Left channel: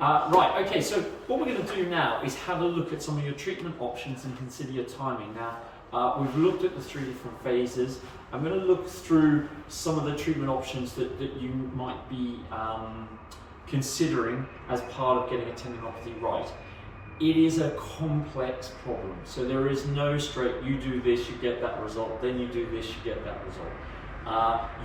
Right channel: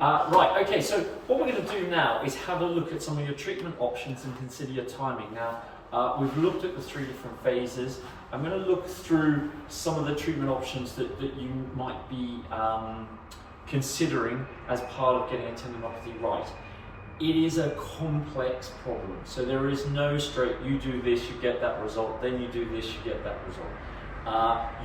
Right, okay, so what we're going to do now is have a look at some of your treatment options and consider your timing. Now, we've looked at the 3 different phases. I'm going to look through some of the treatment options that you might be considering as part of getting a tendinopathy right. It is a complex problem, so there is no straight, you do this, you get that result, then you do this, you get that result.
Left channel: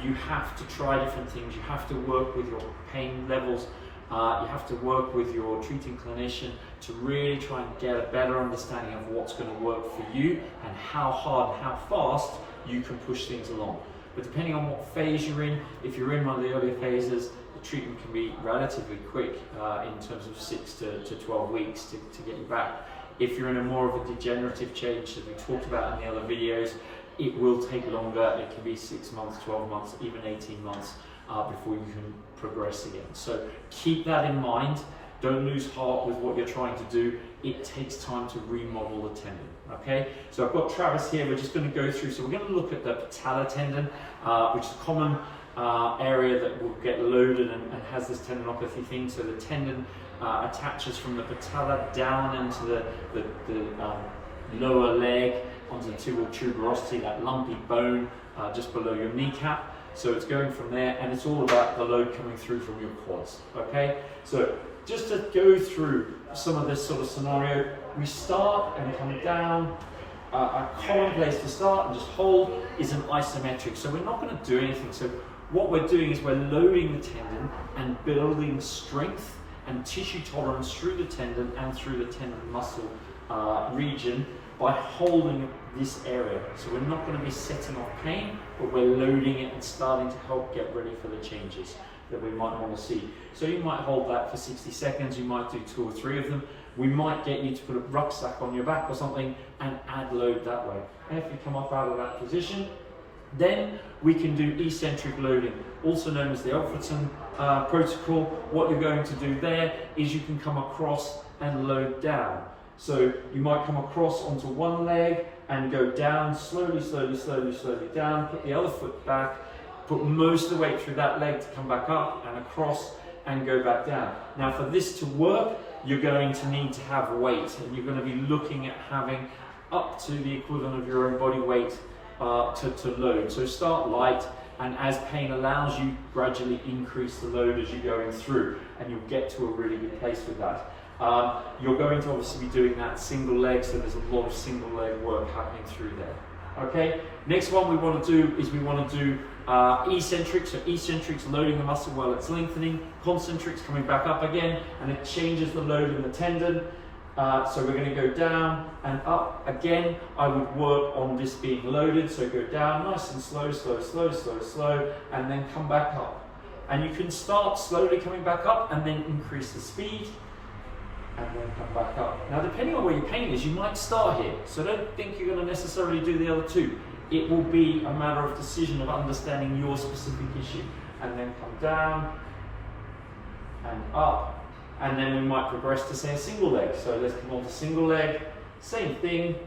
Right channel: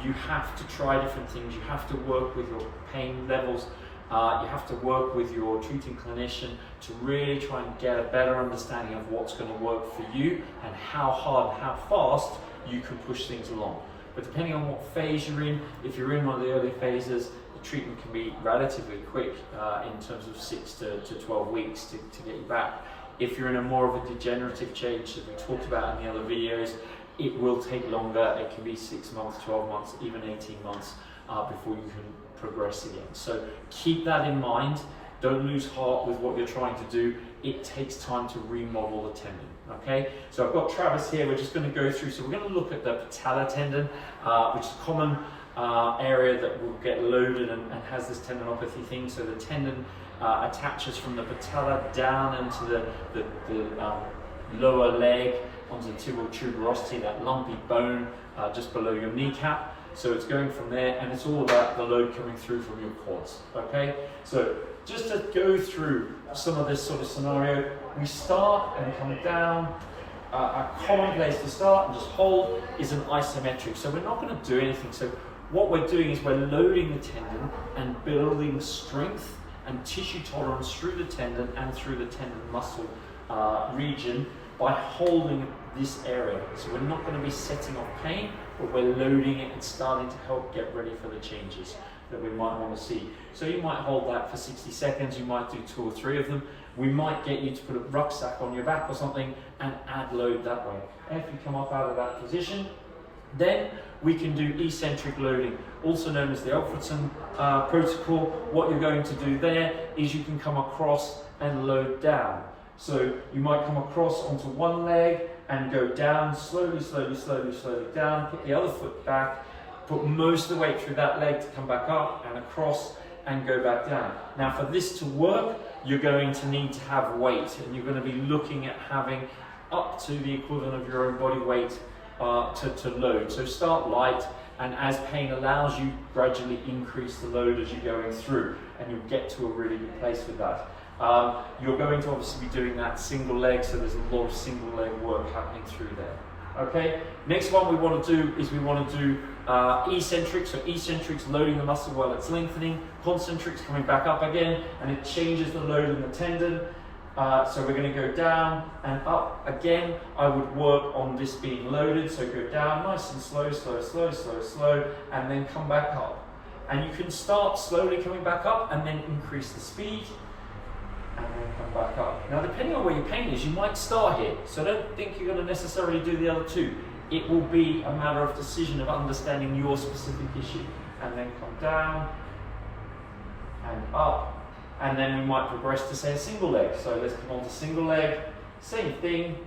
You have to try different things, you have to work with your pain levels, you have to work with your treating clinician to really try and get a better understanding of what's going to work for you and how hard and how fast you can push things along. But depending on what phase you're in, if you're in one of the earlier phases, the treatment can be relatively quick in terms of 6 to 12 weeks to get you back. If you're in a more of a degenerative change, as we talked about in the other videos, it will take longer. It can be 6 months, 12 months, even 18 months before you can progress again. So keep that in mind. Don't lose heart with what you're trying to do. It takes time to remodel the tendon, okay? So I've got Travis here, we're just gonna go through, so we're gonna look at the patellar tendon, which is a common area that will get loaded and has this tendinopathy thing. So the tendon attaches from the patella down into the lower leg, onto the tibial tuberosity, that lumpy bone just below your kneecap. So it's going from there, and it's all about the load coming through from your quads, okay? So just to go through some of this sort of scenario, we start and come down. A common place to start and just hold is an isometric. So we're not going to do anything. So what we're doing is we're loading the tendon and building strength and tissue tolerance through the tendon and through the tendon muscle region by holding this area. So we're not going to be setting off pain, but we're loading it and starting to help get ready for the changes that we might want to see. So you might hold that for 60 seconds, you might do 2 or 3 of them. We might get you to put a rucksack on your back or something and add load that way. And if you come up out of that position, then we can do eccentric loading, also known as the Alfredson protocol. What you're going to do there is you can come across and load down. So you might come across onto one leg and go down, slowly down, put the other foot back, put most of the weight through that leg to come back up and across and go back down. Now for this to work, you're going to need to have weight, and you're going to be looking at having up to the equivalent of your own body weight to load. So start light, and as pain allows you, gradually increase the load as you're going through, and you'll get to a really good place with that. You're going to obviously be doing that single leg, so there's a lot of single leg work happening through there. Okay, next one we want to do is we want to do eccentrics. So eccentrics, loading the muscle while it's lengthening, concentrics coming back up again, and it changes the load in the tendon. So we're going to go down and up again. I would work on this being loaded, so go down nice and slow, and then come back up. And you can start slowly coming back up and then increase the speed and then come back up. Now depending on where your pain is, you might start here, so don't think you're going to necessarily do the other 2. It will be a matter of decision of understanding your specific issue, and then come down and up, and then we might progress to say a single leg. So let's come on to single leg, same thing,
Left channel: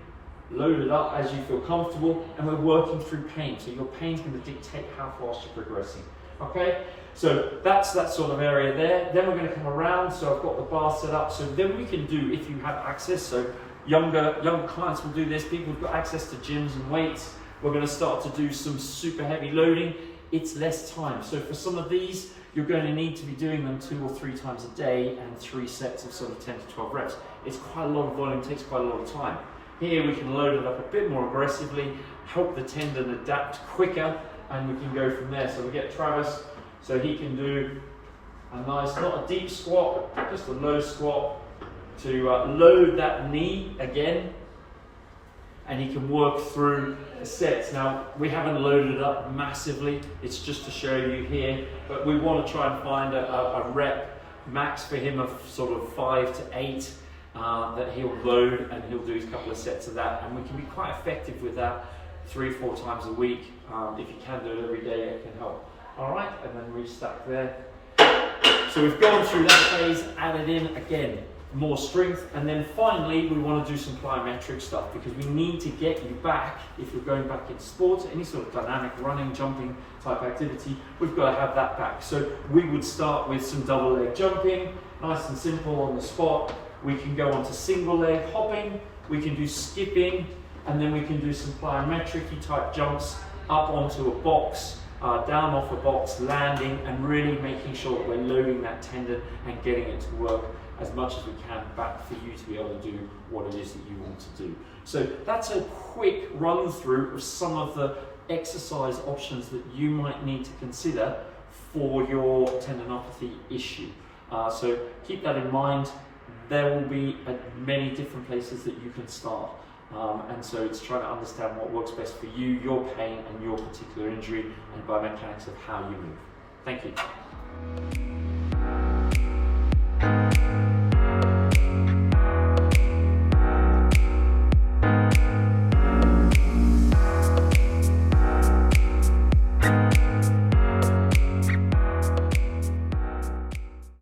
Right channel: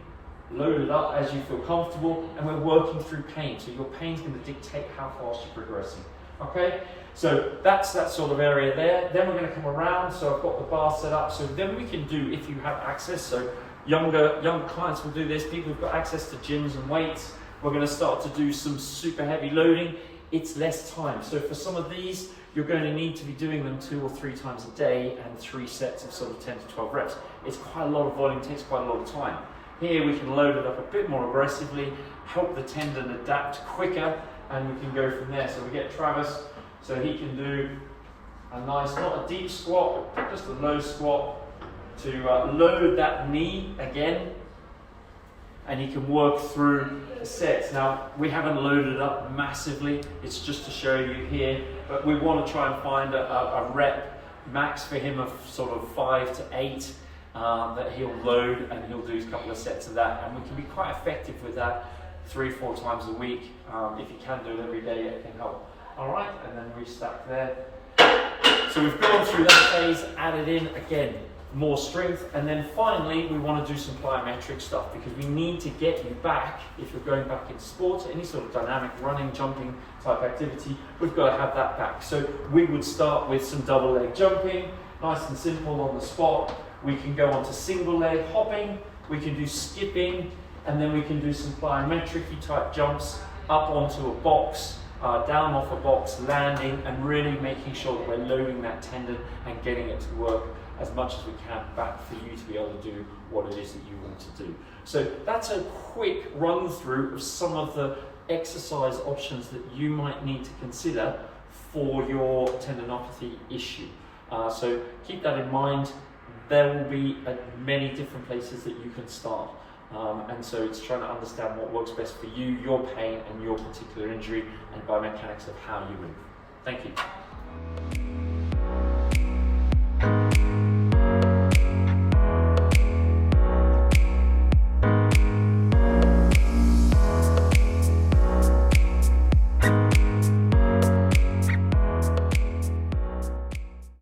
load it up as you feel comfortable, and we're working through pain, so your pain's going to dictate how fast you're progressing. Okay, so that's that sort of area there. Then we're going to come around, so I've got the bar set up, so then we can do, if you have access, so younger clients will do this, people who've got access to gyms and weights, we're going to start to do some super heavy loading. It's less time, so for some of these, you're going to need to be doing them 2 or 3 times a day and 3 sets of sort of 10 to 12 reps. It's quite a lot of volume, takes quite a lot of time. Here we can load it up a bit more aggressively, help the tendon adapt quicker, and we can go from there. So we get Travis, so he can do a nice, not a deep squat, just a low squat to load that knee again, and he can work through the sets. Now, we haven't loaded it up massively, it's just to show you here, but we want to try and find a rep max for him of sort of 5 to 8 that he'll load, and he'll do a couple of sets of that, and we can be quite effective with that 3-4 times a week. If you can do it every day, it can help. All right, and then restack there. So we've gone through that phase, added in again. more strength. And then finally, we want to do some plyometric stuff because we need to get you back, if you're going back in sports, any sort of dynamic running, jumping type activity, we've got to have that back. So we would start with some double leg jumping, nice and simple on the spot. We can go on to single leg hopping, we can do skipping, and then we can do some plyometric type jumps up onto a box, down off a box, landing, and really making sure that we're loading that tendon and getting it to work as much as we can back for you to be able to do what it is that you want to do. So that's a quick run through of some of the exercise options that you might need to consider for your tendinopathy issue. So keep that in mind. There will be many different places that you can start. And so it's trying to understand what works best for you, your pain and your particular injury, and biomechanics of how you move. Thank you.